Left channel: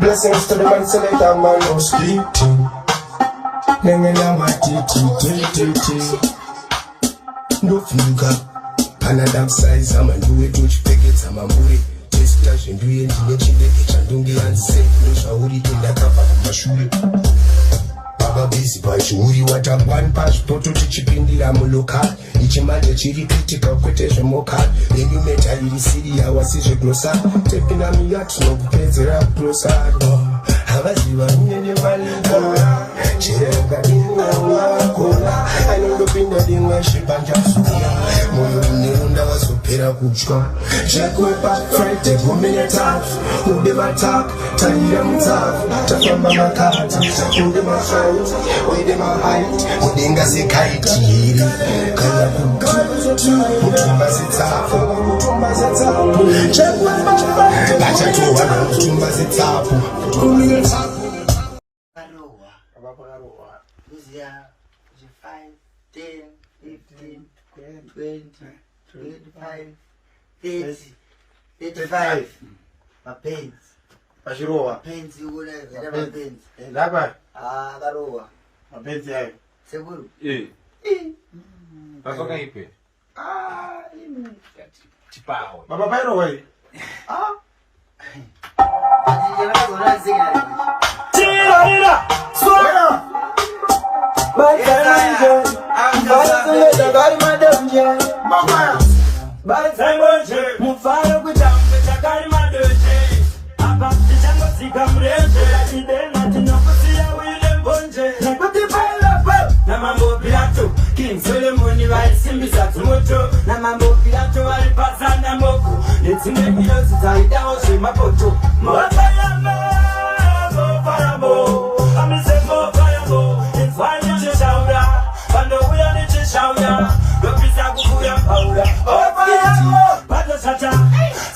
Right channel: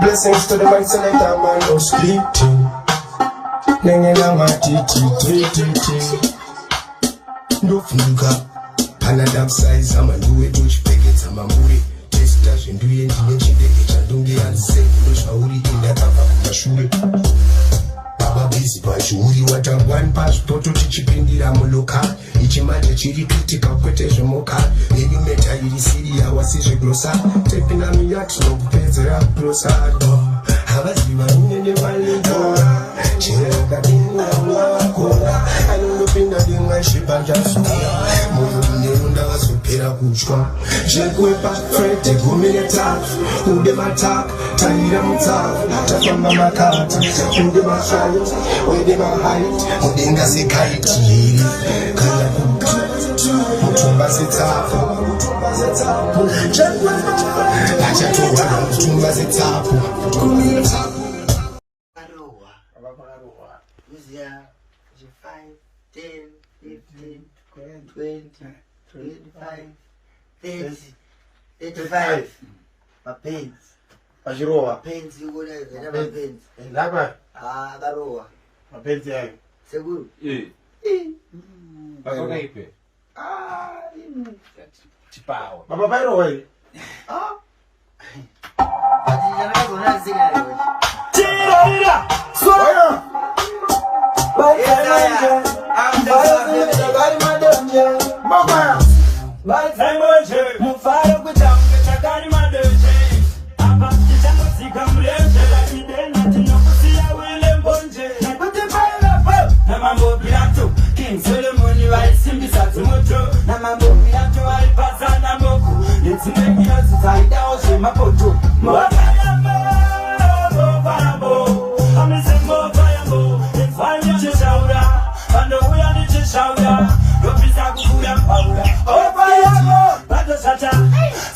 Blessings to the man, so let that man go splitting. Nanga ma titi. No finger. Panadam size, I'm a new age, packets, I'm a movie. Taste dash and doing the chibeke, and don't get unsafe. There's a hoodie to that cover, my shoe. Baba busy, but she knew you want a one passport to teach in the Amoloka. Each man, the chili critical quotation mocha. Then you met a city, I was a closer. Taking a me action, pay the rap closer. Have a see one in your valinka. Check in the cola. I know the thing that in my ship and just. Munda was upera kuchwa. Chekwe back front, take 1 minute off. Udeba top, tanya mutaf. Tafamba makata, udeba shine. Udeba height, udinga si kite. Kala kutu, mutumba si tapo. Chekwe back, mutumba si tapo. 1 minute off. Luzia, 5, 10, 15, 20, 25, 30, 35. Mapenzi. Ajiroa. Mapenzi uko na vile mapenzi. Lagwa. Garoa. Mapenzi hayo. Seguro. Patoka ipi? Ini. Chipao. Baba Bairo wewe. Ajijana kuna singa leo. Tira. Soya.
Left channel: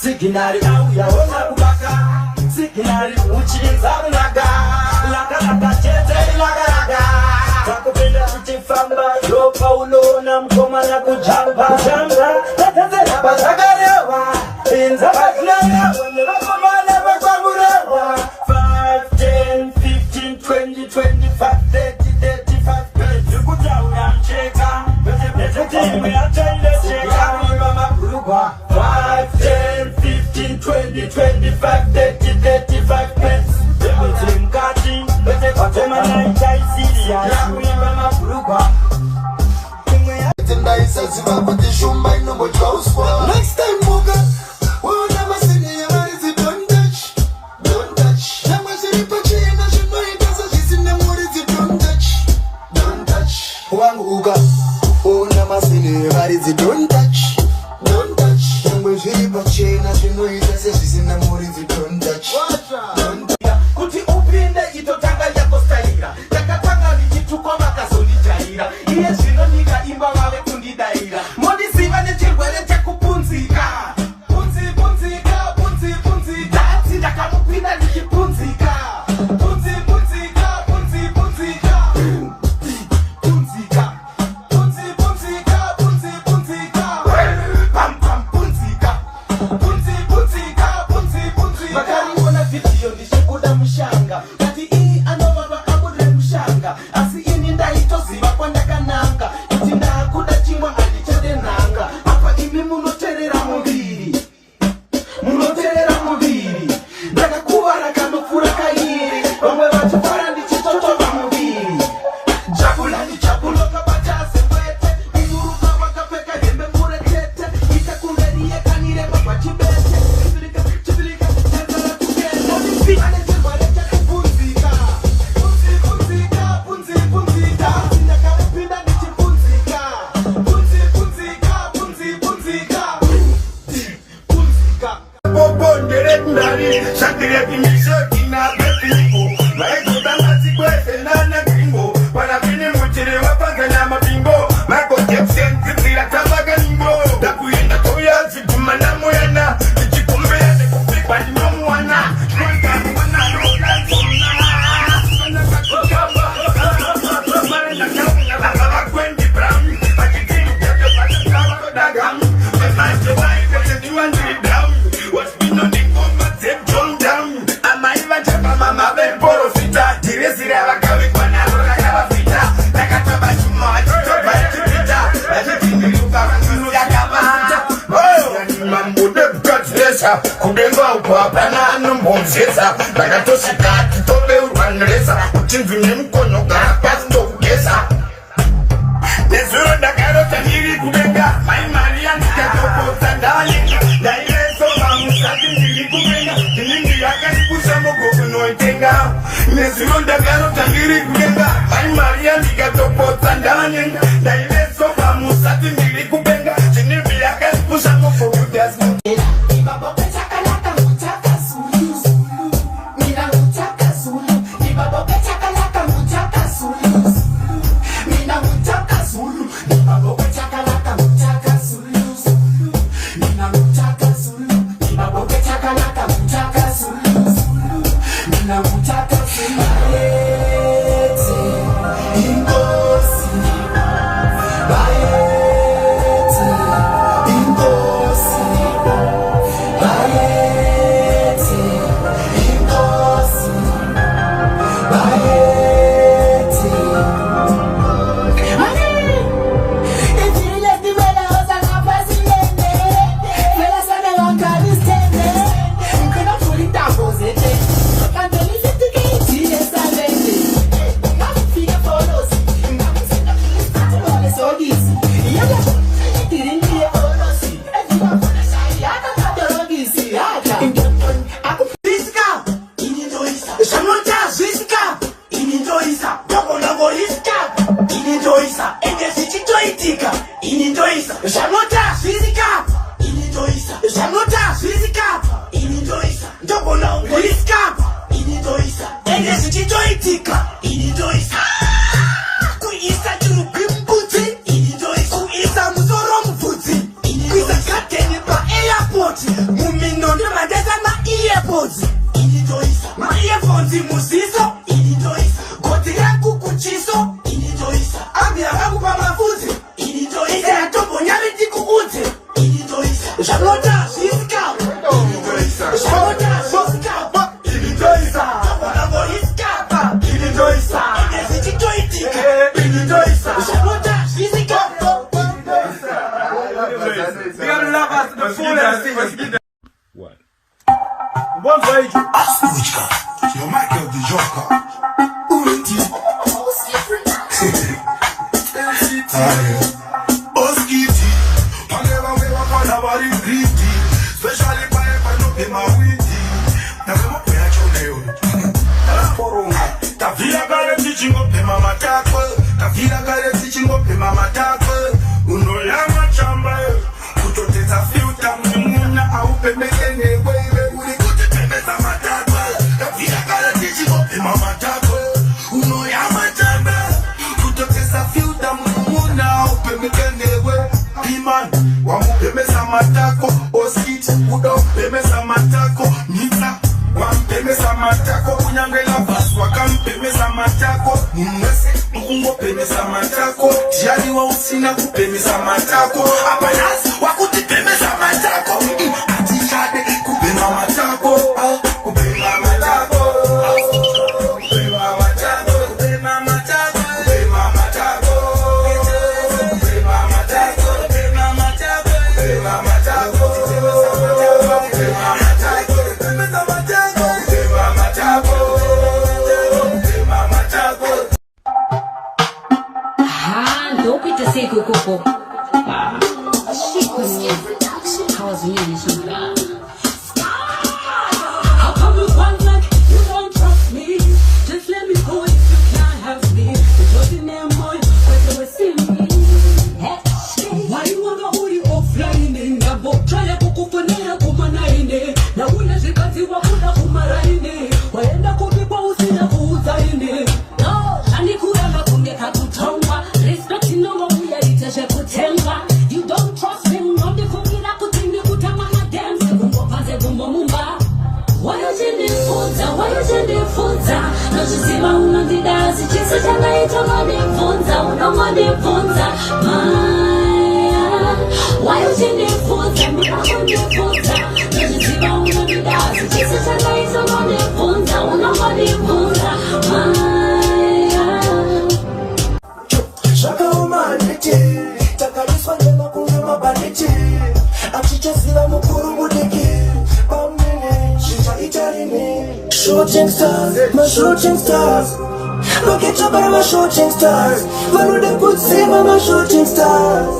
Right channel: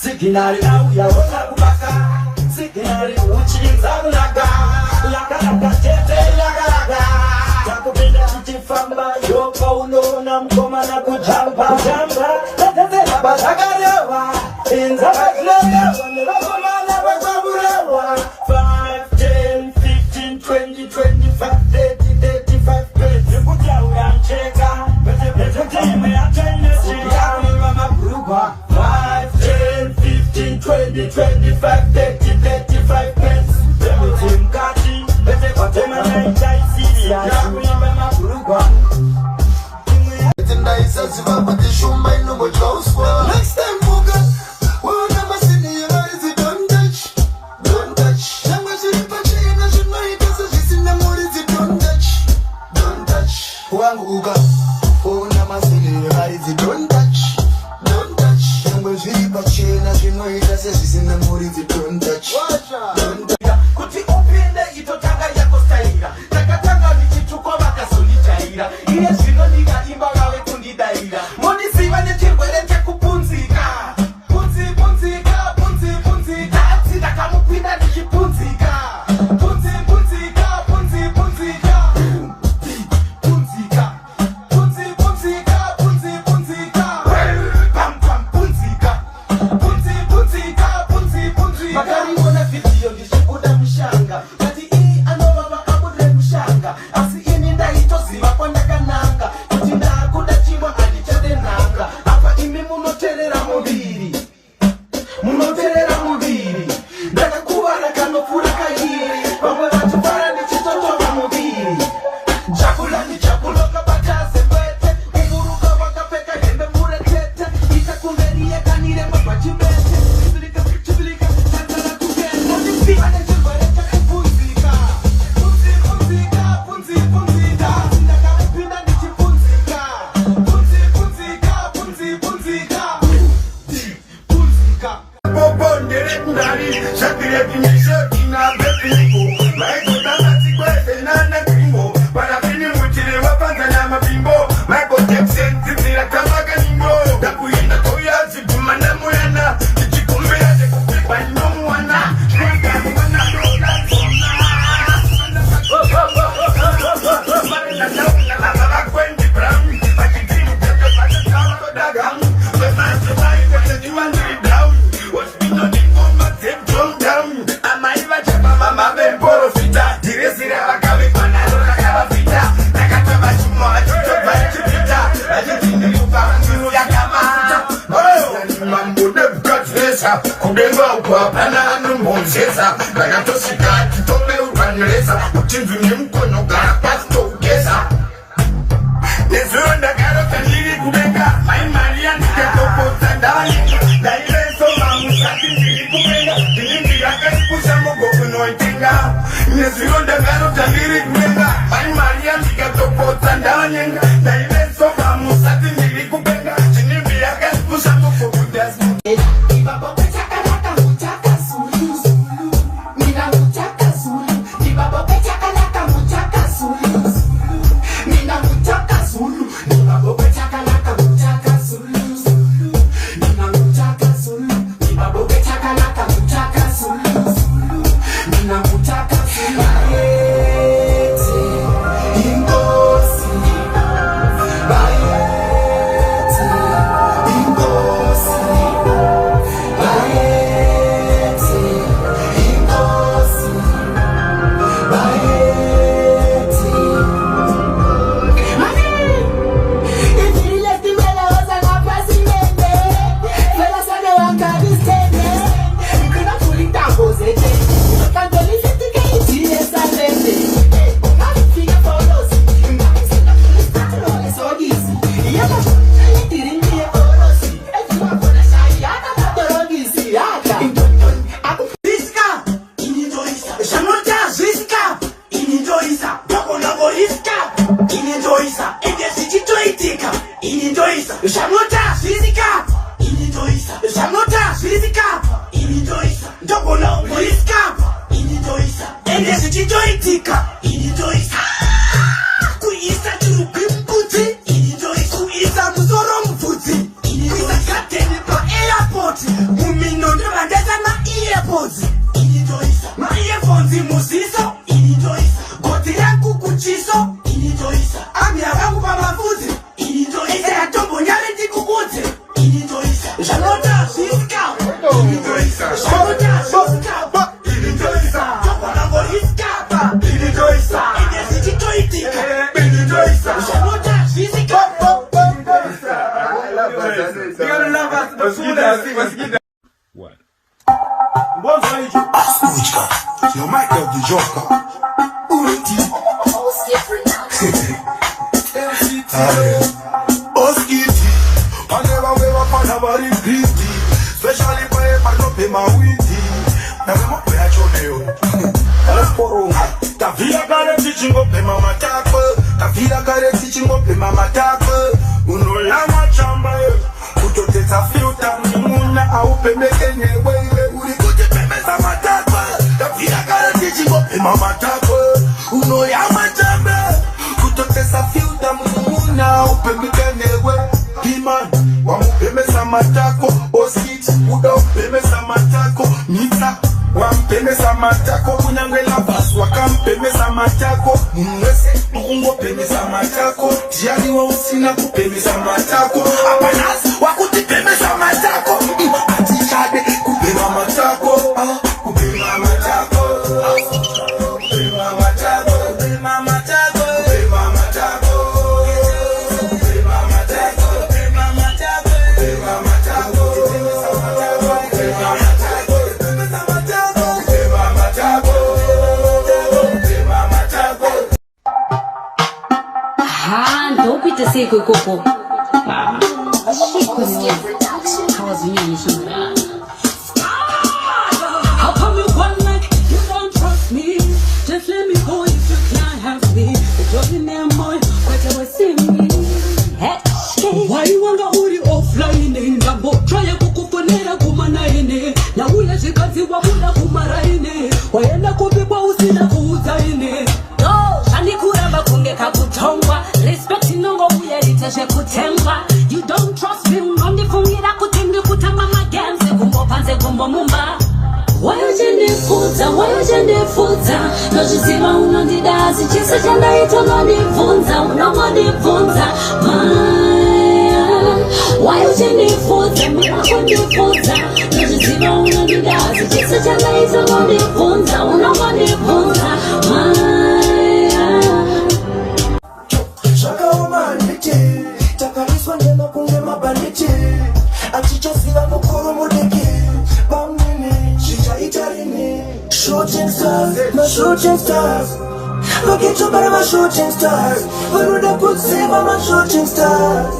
Sikinari uya wotaka sikinari uchinza mnaga laka tete laka takupinda kutifamba yo paulo na mkoma na kujamba jamba tete la basagarewa inza baklewa mkoma na bakaburewa 5 10 15 20 25 30 35 20 kujamba cheka bete imeacha cheka mama kuruka 5 10 15 20 25 30 35 pence everything catching bete kwatoma na itaisi ya mama kuruka next time moga we'll never see me emergency don't touch never see you touch na shunai pasa sisi na morizi don't touch wangu uga we'll never see me emergency don't touch never see you touch na shunai pasa sisi na morizi don't touch kuti upinde itotanga yako staira kakakwanga nichituko makazolitaira iye zino nika imba wawe kungidaira moni siva nechirwere kupunzika punzika atsida kamupinda nichipunzika punzika makari ona video ndishikuda mushanga kuti iyi anobaba kabudre mushanga asi ini ndaitoziva kwandakananga kuti ndakuda chingwa andichadenanga apa imi munoterera muviri ndakakuvara kanopfura kairi vamwe vachifara ndichitotonga muviri chakula ndichakunoka pachazepete muruka wakapfeka hembe murekete itakumberiye kanire papachibete chivilika muchazara tugendo ndisiva nechirwere chakapunzika punzika ndakamupinda ndichipunzika Bondere ndari shakira kimisha kina bepigo maikuta matikwete nana bingo para kini mutire wapanza nyama bingo mako Jackson kibira kabaga ningo bekuyenda koya zibuma na moyana ichikumbira nekupipa nyomo wana kwanga mwana rola down. I might Nesa, kudenga upapana numonzeza Nakatosika kitole uraneza Utindu ni mkono gapa kutokeza Nezuro ndakaro tangiri kubenga Mai Maria nikatoko tandali Na ileso mamusati njiri kubenga Nindi yakari kusamogo kunoitenga Nezuro ndakaro tangiri kubenga Mai Maria nikatoko tandali Na ileso mamusati njiri kubenga Nindi yakari kusamogo kunoitenga What? Your Michael the Joker. Achicha sila mukuru mudiki shooting stars, my shooting stars. My get up on my shooting stars. Why would I put sleep on my shooting stars?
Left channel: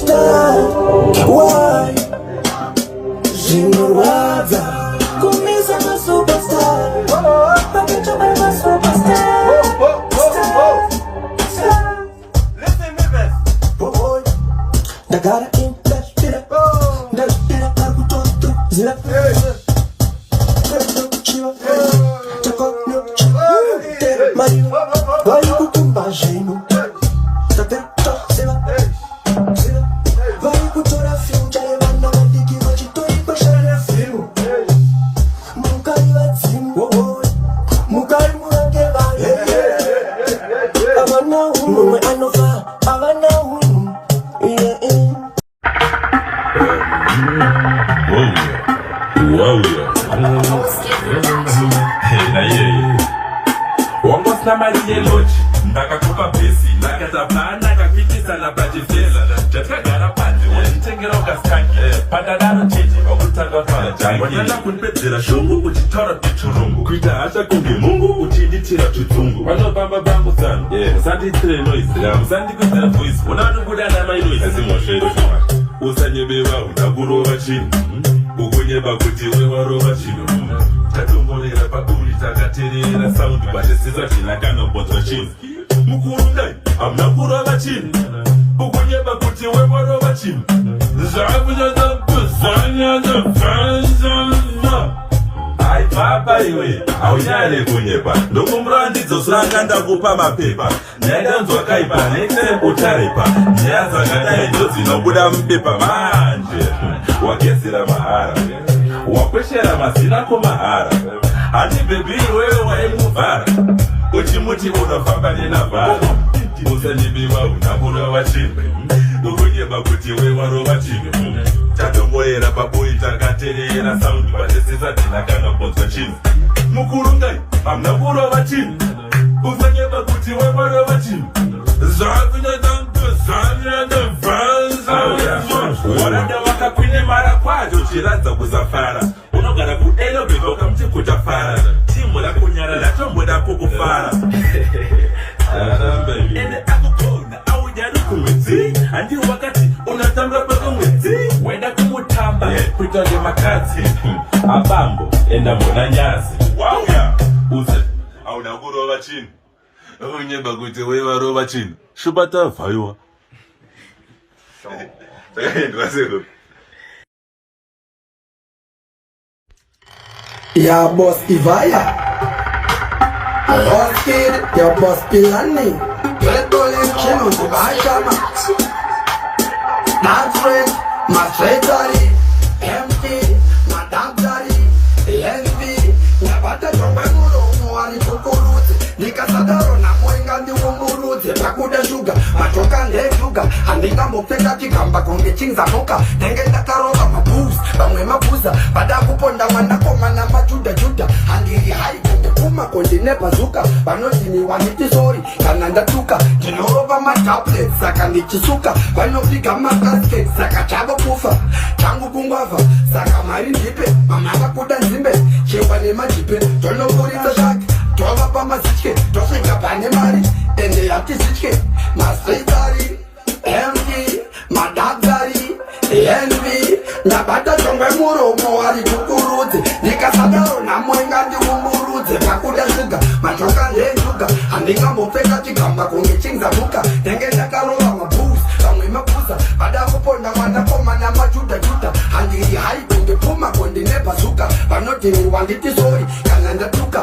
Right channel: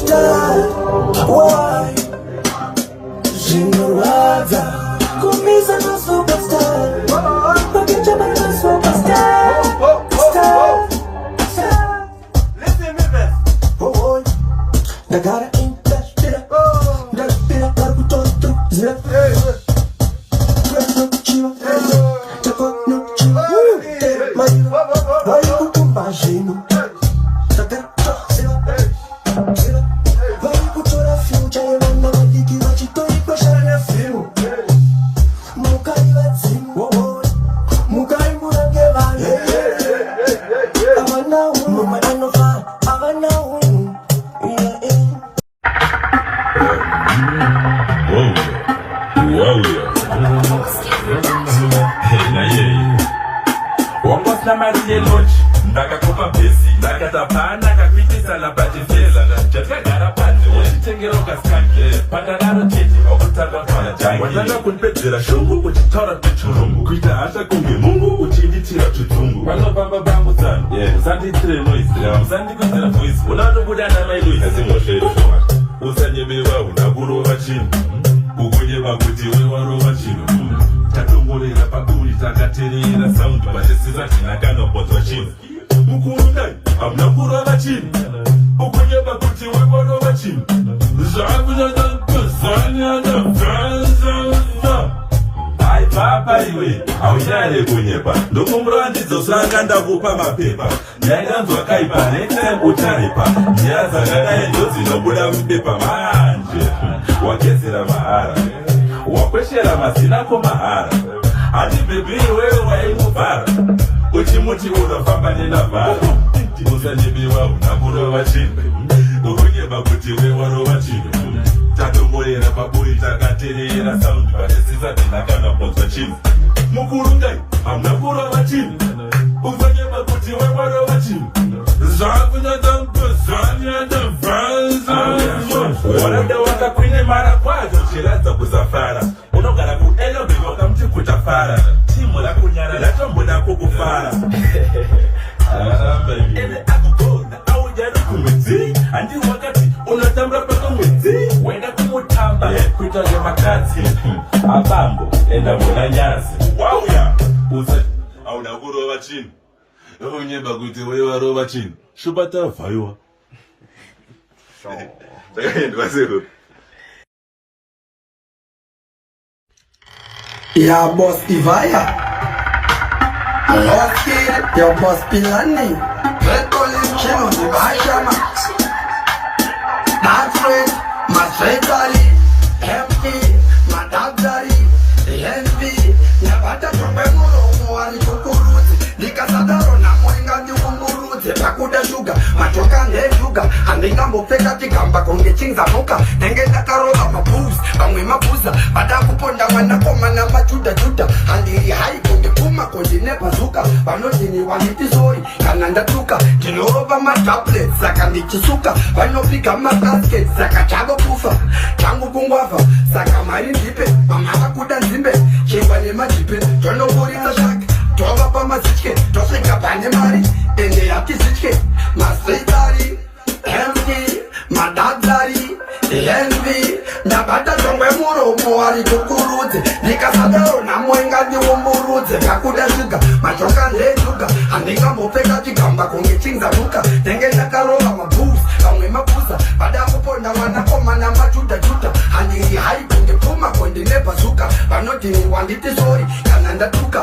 Stars, why? Jinurwaza, Kuniza my superstar. My get up on my superstar. Listen, Memphis. I got it in that shit. That shit, zip. Ndakakopa besi, nakatapana kakitisa na bajifela. Jatagara pande, wentengera ukastanke. Padadaro chiti, wakutadwa kala jangu. Wakana kunpetira shungu, uchitora kuchurungu. Kuita hata kungi mungu, uchiditira tutungu. Wano bamba bangu sana, sandi tire no islam. Sandi kutira voice, unado kuda na mailu isimo shetu. Usanyebewa, unaguro wachini. Ukunyeba kutiwe waro wachini. Katongolera pakuri takaterera sound vachisiza tinakano bozo chini mukurungai amna kurava chini ukunyeba kuti weborova chini ai papa iwe aunyale kunyeba ndokumbura ndidzosanga ndakupa mapepa nyanyanzwa kaipa next utarepa nyaya dzakadai ndodzinobhuda mubepa manje wagezera mahara wakweshera mazinako mahara hati bebiri wewe waimuvhara uchimuti unofamba nenavhara musanyebiwa unakurova chimbe ukonyeba kuti wewarova chimwe tatomboera paboi takaterera saundi panesisa tinakana bodzo chimwe mukurungai hamna kurova chimwe usanyeba kuti wewarova chimwe wanoda wakakwine mara kwacho chiradza kuzafara unogara kueno bevoka muti kutafara timu rakunyara ratomboda kukufara ende akukona aujari kumwedzi handiri wakati unatambura pakamwedzi wenda kumutamba kuita nemakadzi abambo enda muna nyazi wauya use auna kurova chini unyeba kuti wewarova chini shubata vhaiwa Ya boss Ivaya, ya boss Pilani, Chino Zibashama. That's when my February, empty, my Dabzari, envy, Nabata Probemuro, Muari Kukuruti, Nikasataro, Namoinga, the Umuruti, Pakuda Sugar, Atoka Sugar, and the Kamupeka Kikamba, Kungitinga Muka, Nengeta Karola, my boobs, Mapuza, Badakuponda, Manapoma, Majuda, and the high on the Puma, Continepa Zuka, but not in the one it is sorry, Kananda Tuka, the Lova Makaplet, Sakandi Chisuka, Vanopika Makasket, Sakachabo Pusa, Changu Kumbava, Sakamarin Dipe, Mamaka Kudan Zimbe, Chivanema Jipe, Tono Gorilla Jack, Tova Mazike, Tosika Panemari, and the Akizike, Masitari, Envy, Madadari, envy, Nabata Tongamuro, Moari Kukuruti, Nikasataro, Namoinga, the Umuruti, Nakuda Sugar, Matraka Lesuga, and Nikamopeka Chikamba, Kungitinga Luka, Tengeta Karola, my booth, and Mapusa, Badakopona, Manapoma, Majuda Juta, and the high on the Puma, on the Nepasuka, but not in one little story, and under Tuka,